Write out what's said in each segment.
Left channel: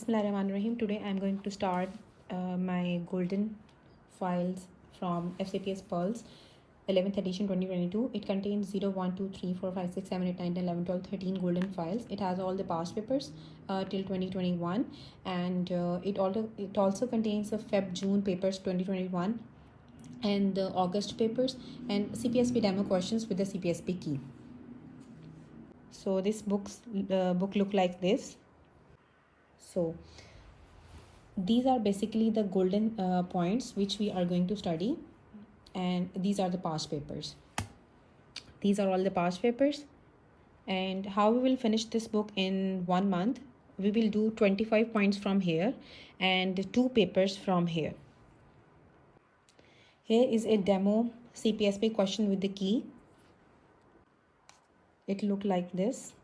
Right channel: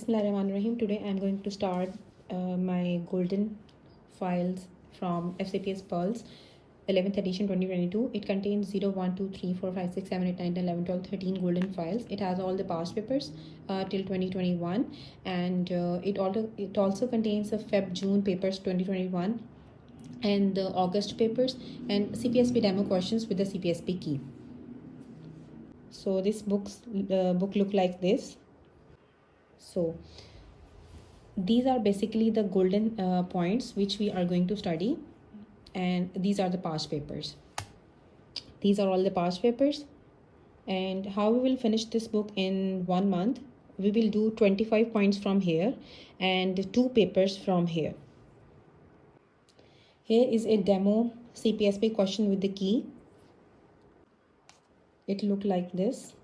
Bismillahirrahmanirrahim. Today I am going to start my golden files from FCPS Pearls 11th edition 2022. It contains 0, 1, 2, 3, 4, 5, 6, 7, 8, 9, 10, 11, 12, 13 golden files. It has all the past papers till 2021, and it also contains the Feb-June papers 2021 and the August papers and CPSP demo questions with the CPSP key. So this book look like this. So these are basically the golden points which we are going to study, and these are the past papers. These are all the past papers, and how we will finish this book in 1 month. We will do 25 points from here and 2 papers from here. Here is a demo CPSP question with the key. It look like this.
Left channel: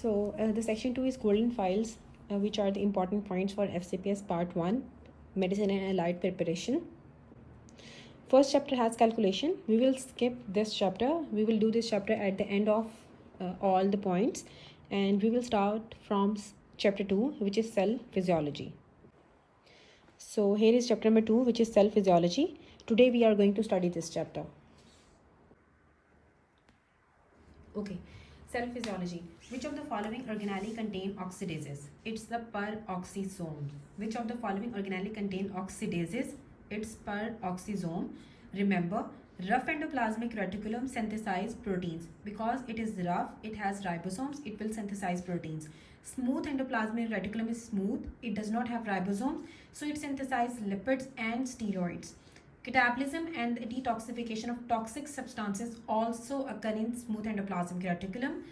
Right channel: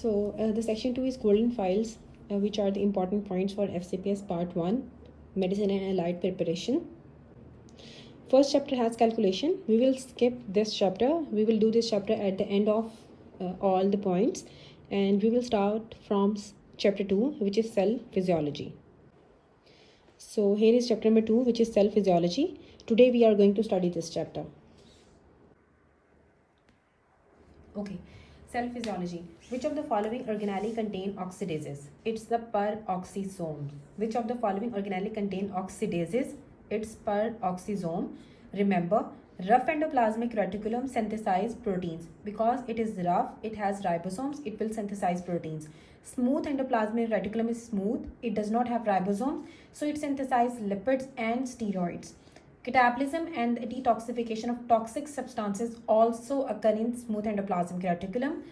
So the section 2 is golden files, which are the important points for FCPS part 1, medicine and allied preparation. First chapter has calculation. We will skip this chapter. We will do this chapter at the end of all the points, and we will start from chapter 2, which is cell physiology. So here is chapter number 2, which is cell physiology. Today we are going to study this chapter. Okay. Cell physiology. Which of the following organelle contain oxidases? It's the peroxisome. Which of the following organelle contain oxidases? It's peroxisome. Remember, rough endoplasmic reticulum synthesize proteins. Because it is rough, it has ribosomes, it will synthesize proteins. Smooth endoplasmic reticulum is smooth, it does not have ribosomes, so it synthesizes lipids and steroids. Catabolism and detoxification of toxic substances also occur in smooth endoplasmic reticulum.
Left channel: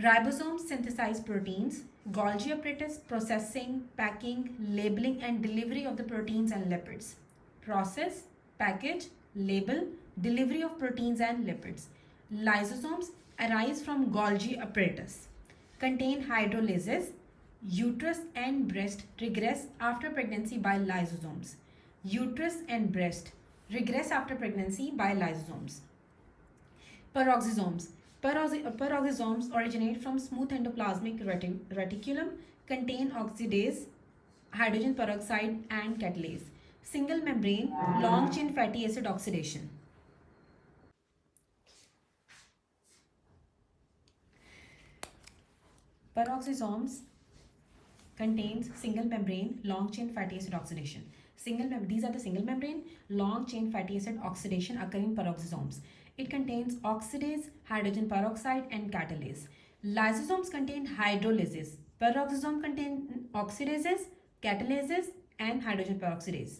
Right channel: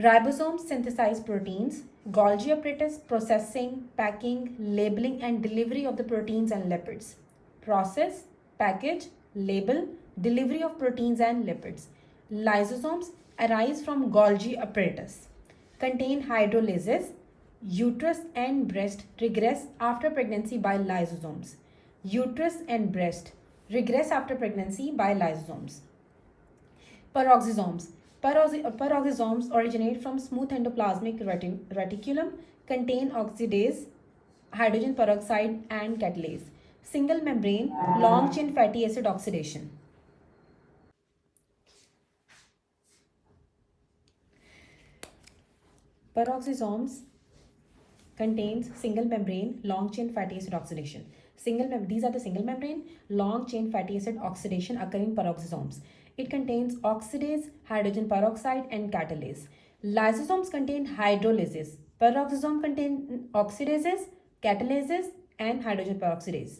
Ribosomes synthesize proteins. Golgi apparatus processing, packing, labeling and delivery of the proteins and lipids. Process, package, label, delivery of proteins and lipids. Lysosomes arise from Golgi apparatus. Contain hydrolases. Uterus and breast regress after pregnancy by lysosomes. Uterus and breast regress after pregnancy by lysosomes. Peroxisomes. Peroxisomes originate from smooth endoplasmic reticulum, contain oxidase, hydrogen peroxide and catalase. Single membrane, long chain fatty acid oxidation. Peroxisomes contains single membrane, long chain fatty acid oxidation. These are the single membrane, long chain fatty acid oxidation occur in peroxisomes. It contains oxidase, hydrogen peroxide and catalase. Lysosomes contain hydrolases. Peroxisome contain oxidases, catalases and hydrogen peroxide.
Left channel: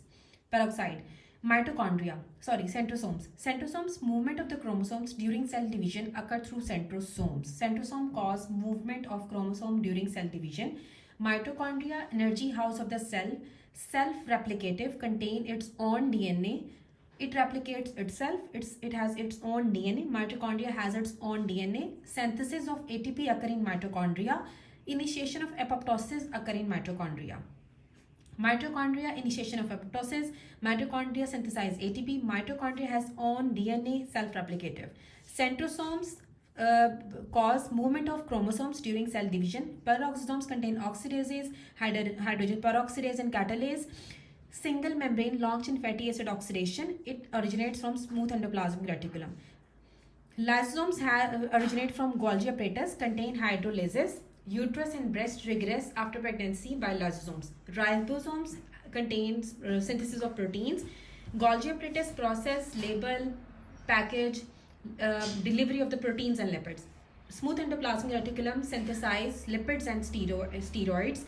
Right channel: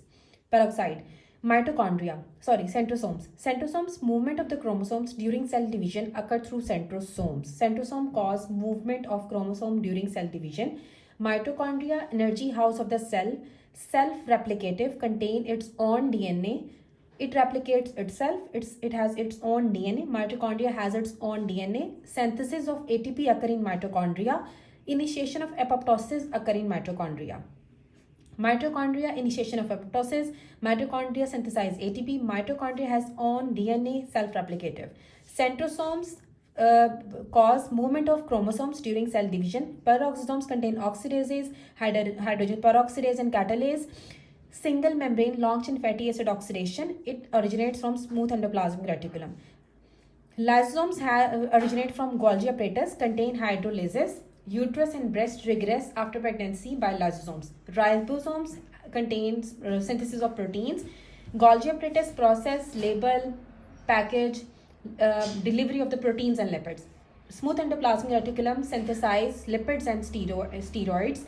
Centrosomes. Centrosomes movement of the chromosomes during cell division occur through centrosomes. Centrosome cause movement of chromosome during cell division. Mitochondria, energy house of the cell, self-replicative, contain its own DNA. It replicates itself. It has its own DNA. Mitochondria has its own DNA. Synthesis of ATP occur in mitochondria. Initiation of apoptosis occur in mitochondria. Mitochondria, initiation of apoptosis. Mitochondria synthesize ATP. Mitochondria has own DNA, self-replicative. Centrosomes cause movement of chromosomes during cell division. Peroxisomes contain oxidases, hydrogen peroxidase and catalase. Single membrane long chain fatty acid oxidation. It originates from smooth endoplasmic reticulum. Lysosomes originate from Golgi apparatus, contain hydrolases. Uterus and breast regress after pregnancy by lysosomes. Ribosomes contains synthesis of proteins. Golgi apparatus process, label, package, delivery of the proteins and lipids. Smooth endoplasmic reticulum synthesize lipids and steroids.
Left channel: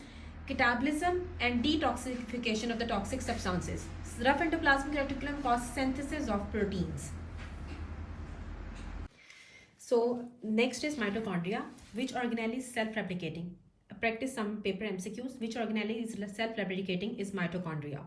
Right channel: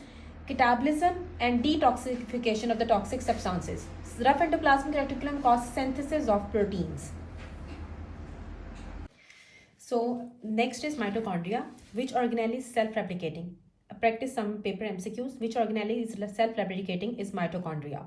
Catabolism and detoxification of the toxic substances. Rough endoplasmic reticulum causes synthesis of proteins. So next is mitochondria. Which organelle is self-replicating? Practice some paper MCQs. Which organelle is self-replicating is mitochondria.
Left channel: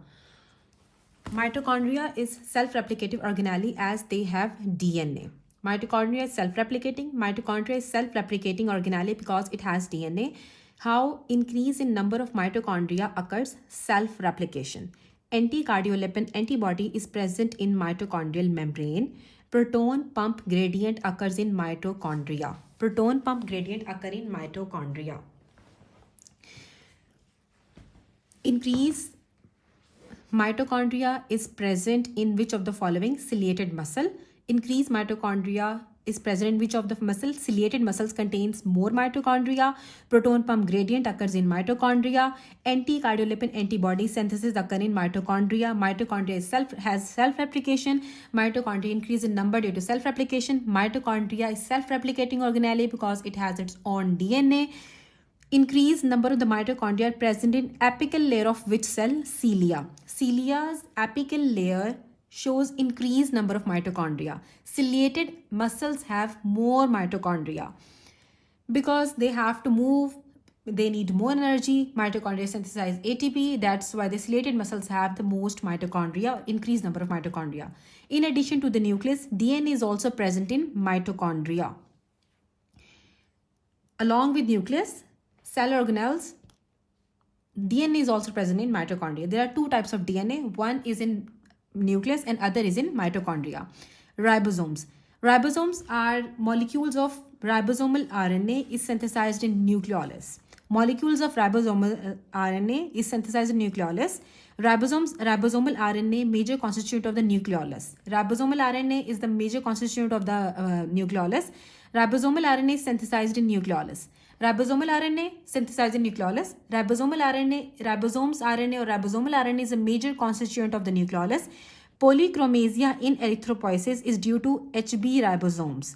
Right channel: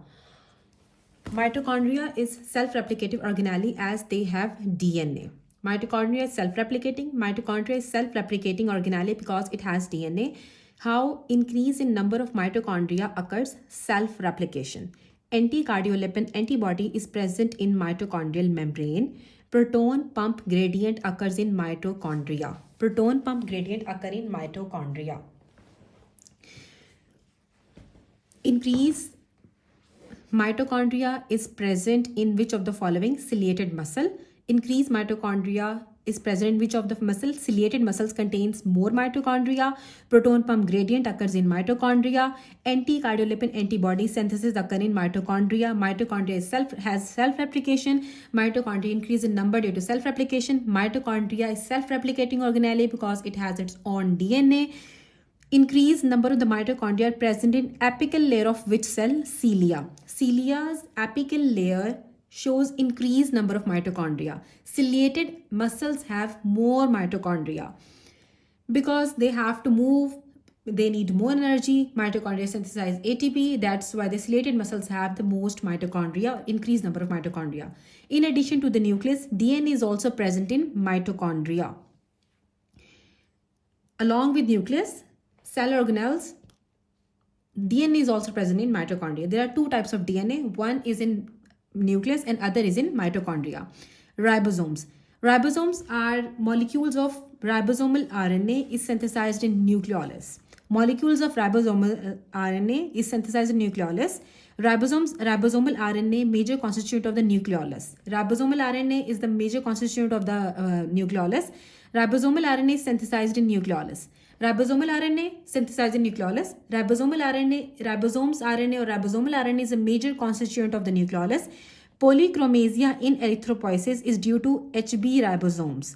Mitochondria is self-replicative organelle as they have DNA. Mitochondria is self-replicating. Mitochondria is self-replicating organelle because it has DNA. How increase in number of mitochondria occurs? Self-replication. Anticardiolipin antibody is present in mitochondrial membrane. proton pump gradient occurs in mitochondria. Proton pump gradient occur in mitochondria. Increase mitochondria is present in which of the following? Ciliated muscle. Increased mitochondria is present in which of the muscles? Ciliated muscles contains more mitochondria. Proton pump gradient occurs in mitochondria. Anti-cardiolipin antibody synthesis occur in mitochondria. Mitochondria has self-replication. Mitochondria increase in number due to self-replication. Mitochondria is self-replicating organelle because it has its own DNA. Increased number of the mitochondria are present in apical layer of which cell? Cilia. Cilia's apical layer shows increased number of mitochondria. Ciliated muscles have more mitochondria because they have to move. They need more energy. Mitochondria synthesize ATP. That's why the ciliated muscles have the most mitochondria, increased number of mitochondria. In addition to the nucleus, DNA is also present in mitochondria. Along with nucleus, cell organelles, DNA is also present in mitochondria. There are two types of DNA. One is in nucleus and other is in mitochondria. Ribosomes. Ribosomes are molecules of ribosomal RNA is synthesized in nucleolus. Molecules of ribosomal RNA is synthesized in nucleolus. Ribosomal RNA major constituent of the nucleolus. Ribosomal RNA is the major constituent of the nucleolus. Ribosomal RNA is synthesized in nucleolus. Ribosomal RNA synthesized in nucleolus. Ribosomes RNA or ribosomal RNA is a major constituent of the nucleolus. Polychromasia in erythropoiesis is due to HB ribosomes.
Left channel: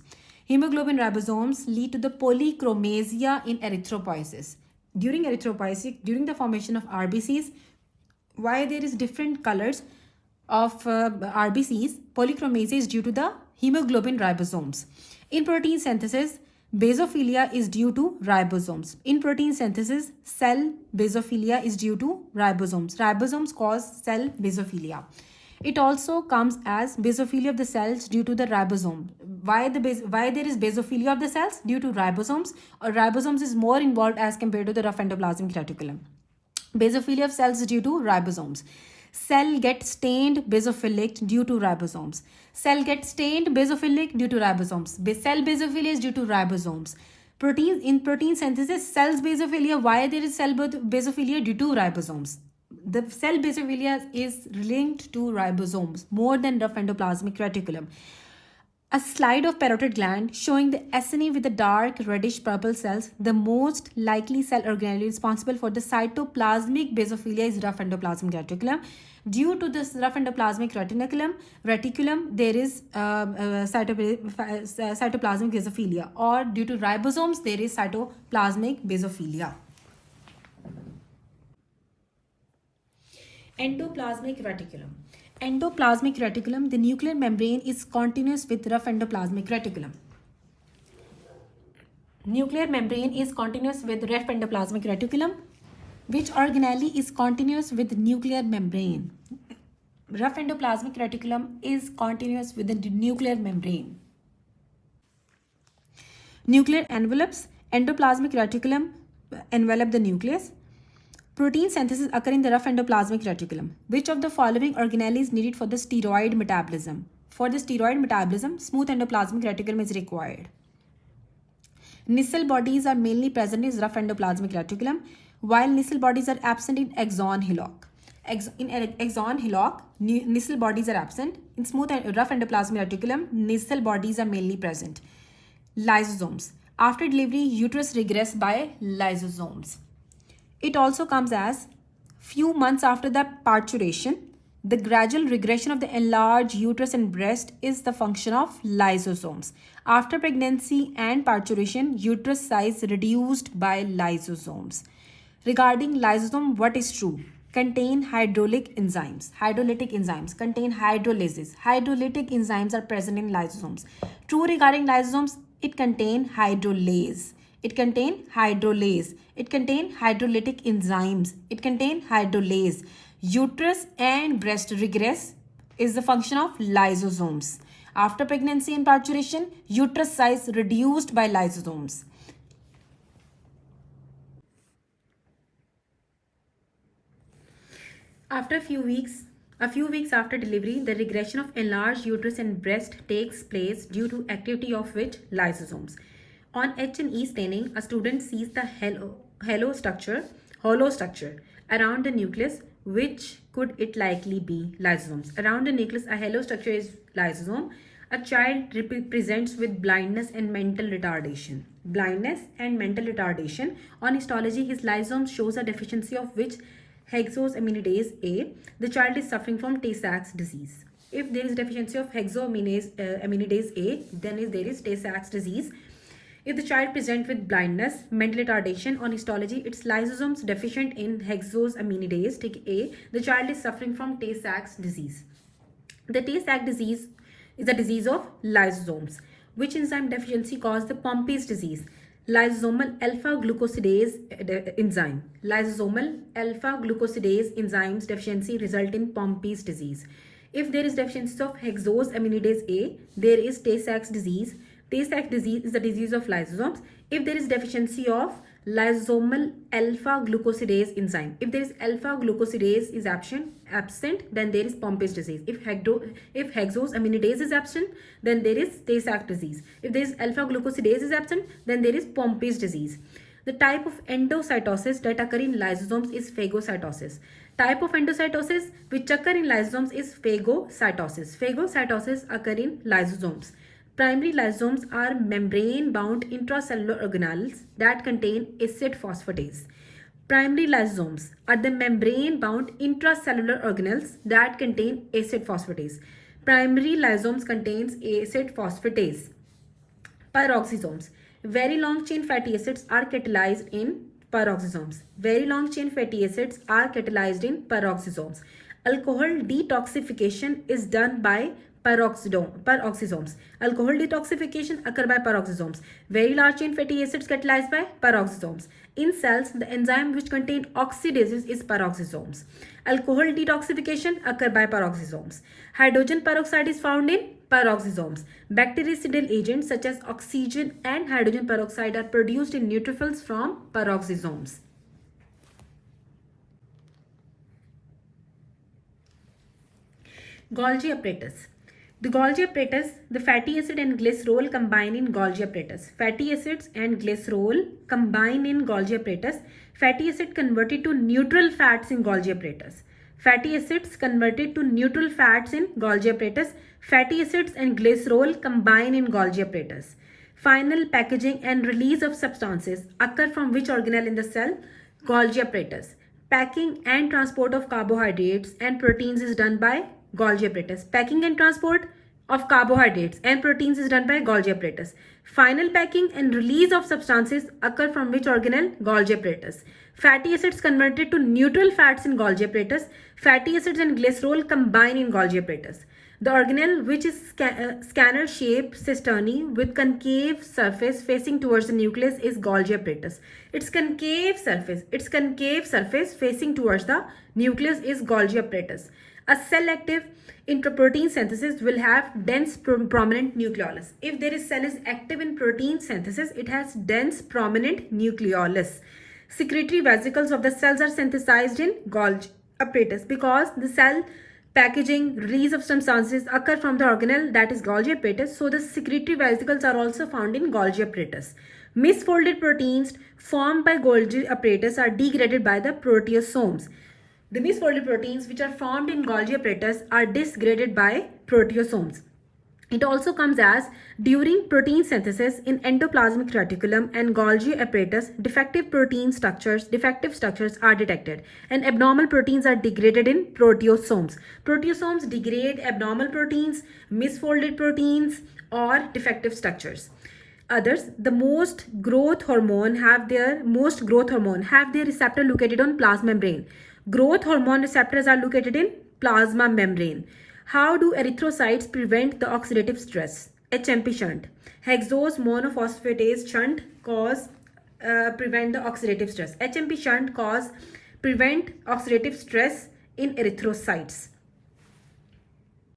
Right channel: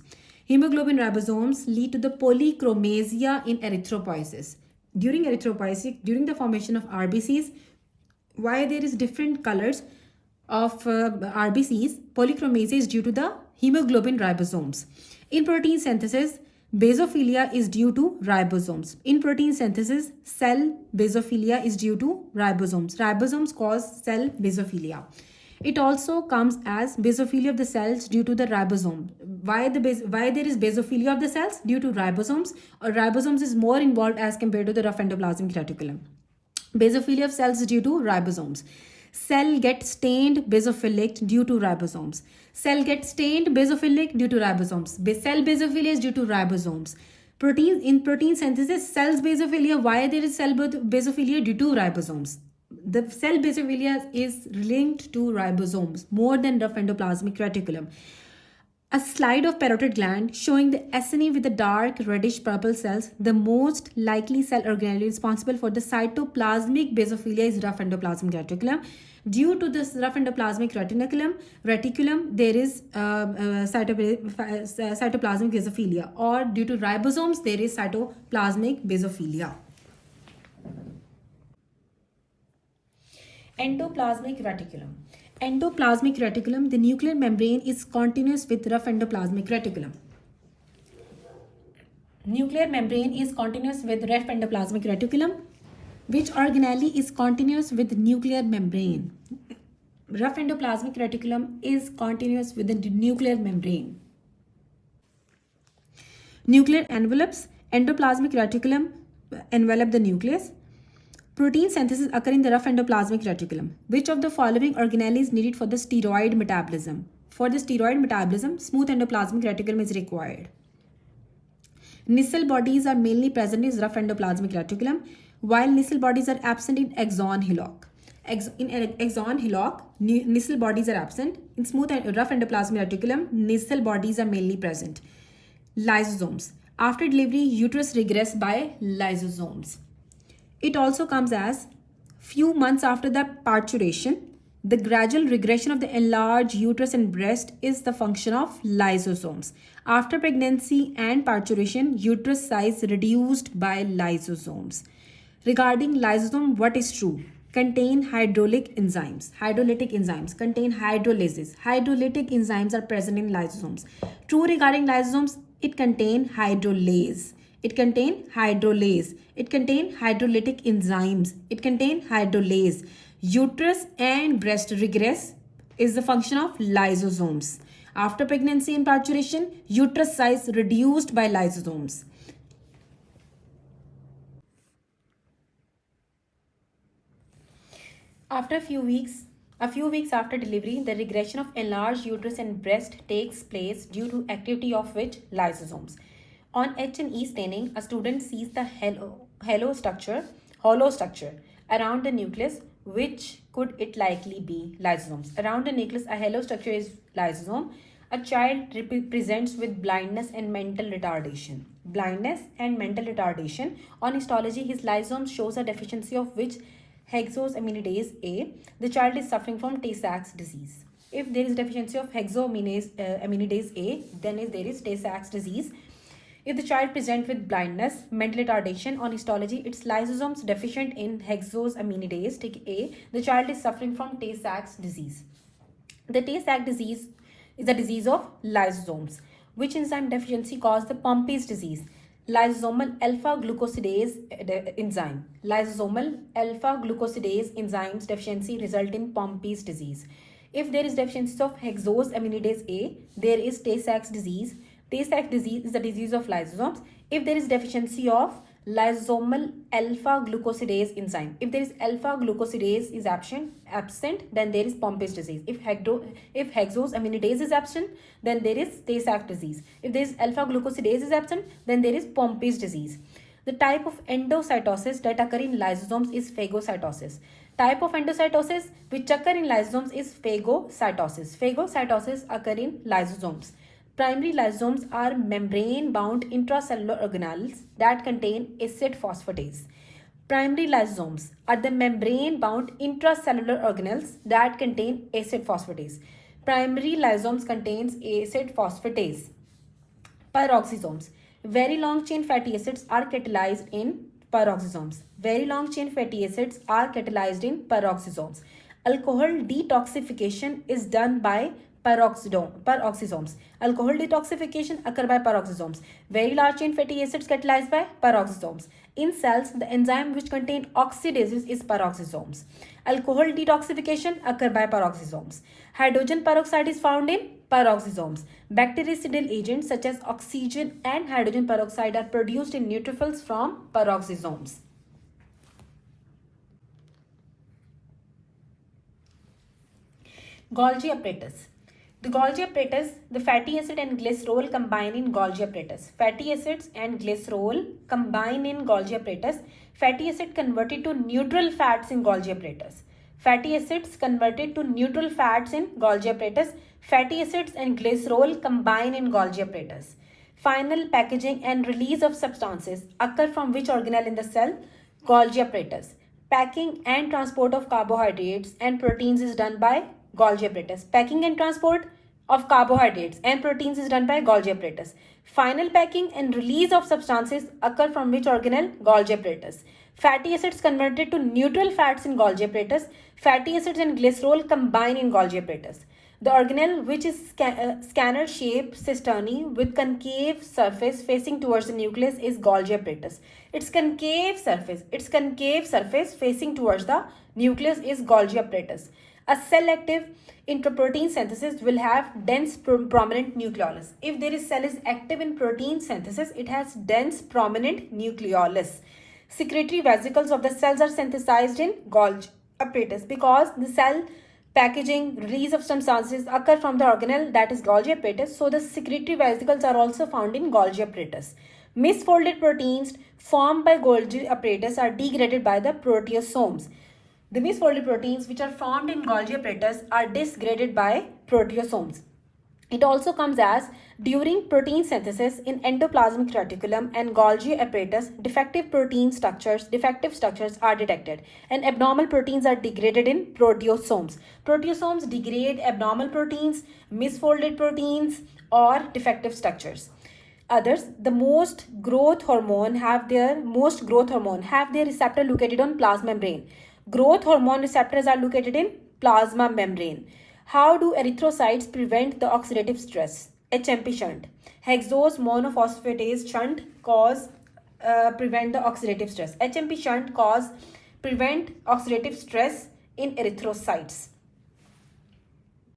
Hemoglobin ribosomes lead to the polychromasia in erythropoiesis. During erythropoiesis, during the formation of RBCs, why there is different colors of RBCs? Polychromasia is due to the hemoglobin ribosomes. In protein synthesis, basophilia is due to ribosomes. In protein synthesis, cell basophilia is due to ribosomes. Ribosomes cause cell basophilia. It also comes as basophilia of the cells due to the ribosome. Why there is basophilia of the cells? Due to ribosomes, or ribosomes is more involved as compared to the rough endoplasmic reticulum. Basophilia of cells is due to ribosomes. Cell gets stained basophilic due to ribosomes. Cell gets stained basophilic due to ribosomes. Cell basophilia is due to ribosomes. In protein synthesis, cells basophilia. Why there is cell basophilia? Due to ribosomes. The cell basophilia is linked to ribosomes more than rough endoplasmic reticulum. A slide of parotid gland showing the acini with the dark reddish purple cells. The most likely cell organelle responsible for the cytoplasmic basophilia is rough endoplasmic reticulum. Due to this rough endoplasmic reticulum, there is cytoplasmic basophilia, or due to ribosomes, there is cytoplasmic basophilia. Endoplasmic reticulum. Endoplasmic reticulum, the nuclear membrane is continuous with rough endoplasmic reticulum. Nuclear membrane is continuous with rough endoplasmic reticulum. Which organelle is continuous with nuclear membrane? Rough endoplasmic reticulum is continuous with the nuclear membrane. Nuclear envelopes. Endoplasmic reticulum envelop the nucleus. Protein synthesis occur in the rough endoplasmic reticulum. Which of the following organelle is needed for the steroid metabolism? For the steroid metabolism, smooth endoplasmic reticulum is required. Nissl bodies are mainly present in rough endoplasmic reticulum, while Nissl bodies are absent in axon hillock. In axon hillock, Nissl bodies are absent. In smooth and rough endoplasmic reticulum, Nissl bodies are mainly present. Lysosomes. After delivery, uterus regress by lysosomes. It also comes as few months after the parturition. The gradual regression of the enlarged uterus and breast is the function of lysosomes. After pregnancy and parturition, uterus size reduced by lysosomes. Regarding lysosome, what is true? Contain hydrolytic enzymes. Hydrolytic enzymes contain hydrolases. Hydrolytic enzymes are present in lysosomes. True regarding lysosomes, it contain hydrolase. It contain hydrolase. It contain hydrolytic enzymes. It contain hydrolase. Uterus and breast regress is the function of lysosomes. After pregnancy and parturition, uterus size reduced by lysosomes. After a few weeks, A few weeks after delivery, the regression of enlarged uterus and breast takes place due to activity of which lysosomes. On H&E staining, a student sees the hollow structure around the nucleus, which could it likely be lysosomes. Around the nucleus, a hollow structure is lysosome. A child presents with blindness and mental retardation. Blindness and mental retardation. On histology, his lysosome shows a deficiency of which hexosaminidase A. The child is suffering from Tay-Sachs disease. If there is deficiency of hexosaminidase A, then there is Tay-Sachs disease. If the child presents with blindness, mental retardation, on histology, its lysosomes deficient in hexosaminidase A, the child is suffering from Tay-Sachs disease. The Tay-Sachs disease is a disease of lysosomes. Which enzyme deficiency caused the Pompey's disease? Lysosomal alpha-glucosidase enzyme. Lysosomal alpha-glucosidase enzymes deficiency result in Pompey's disease. If there is deficiency of hexosaminidase A, there is Tay-Sachs disease. Tay-Sachs disease is the disease of lysosomes. If there is deficiency of lysosomal alpha-glucosidase enzyme, if there is alpha-glucosidase is absent, then there is Pompey's disease. If hexosaminidase is absent, then there is Tay-Sachs disease. If there is alpha-glucosidase is absent, then there is Pompey's disease. The type of endocytosis that occur in lysosomes is phagocytosis. Type of endocytosis which occur in lysosomes is phagocytosis. Phagocytosis occur in lysosomes. Primary lysosomes are membrane-bound intracellular organelles that contain acid phosphatase. Primary lysosomes are the membrane-bound intracellular organelles that contain acid phosphatase. Primary lysosomes contains acid phosphatase. Peroxisomes. Very long-chain fatty acids are catalyzed in peroxisomes. Very long-chain fatty acids are catalyzed in peroxisomes. Alcohol detoxification is done by peroxisomes. Alcohol detoxification occur by peroxisomes. Very large chain fatty acids catalyzed by peroxisomes. In cells, the enzyme which contain oxidases is peroxisomes. Alcohol detoxification occur by peroxisomes. Hydrogen peroxide is found in peroxisomes. Bactericidal agents such as oxygen and hydrogen peroxide are produced in neutrophils from peroxisomes. Golgi apparatus. The Golgi apparatus, the fatty acid and glycerol combine in Golgi apparatus. Fatty acids and glycerol combine in Golgi apparatus. Fatty acid converted to neutral fats in Golgi apparatus. Fatty acids converted to neutral fats in Golgi apparatus. Fatty acids and glycerol combine in Golgi apparatus. Final packaging and release of substances occur from which organelle in the cell? Golgi apparatus. Packing and transport of carbohydrates and proteins is done by Golgi apparatus. Packing and transport of carbohydrates and proteins is done by Golgi apparatus. Final packing and release of substances occur from which organelle? Golgi apparatus. Fatty acids converted to neutral fats in Golgi apparatus. Fatty acids and glycerol combine in Golgi apparatus. The organelle, which is scanner-shaped cisternae with concave surface facing towards the nucleus, is Golgi apparatus. Its concave surface facing towards the nucleus is Golgi apparatus. A cell active in protein synthesis will have dense prominent nucleolus. If there is cell is active in protein synthesis, it has dense prominent nucleolus. Secretory vesicles of the cells are synthesized in Golgi apparatus because the cell packaging, release of substances occur from the organelle, that is Golgi apparatus. So the secretory vesicles are also found in Golgi apparatus. Misfolded proteins formed by Golgi apparatus are degraded by the proteasomes. The misfolded proteins which are formed in Golgi apparatus are disgraded by proteasomes. It also comes as during protein synthesis in endoplasmic reticulum and Golgi apparatus, defective structures are detected and abnormal proteins are degraded in proteasomes. Proteasomes degrade abnormal proteins, misfolded proteins or defective structures. Others, the most growth hormone have their receptor located on plasma membrane. Growth hormone receptors are located in plasma membrane. How do erythrocytes prevent the oxidative stress? HMP shunt. Hexose monophosphatase shunt prevent the oxidative stress. HMP shunt prevent oxidative stress in erythrocytes.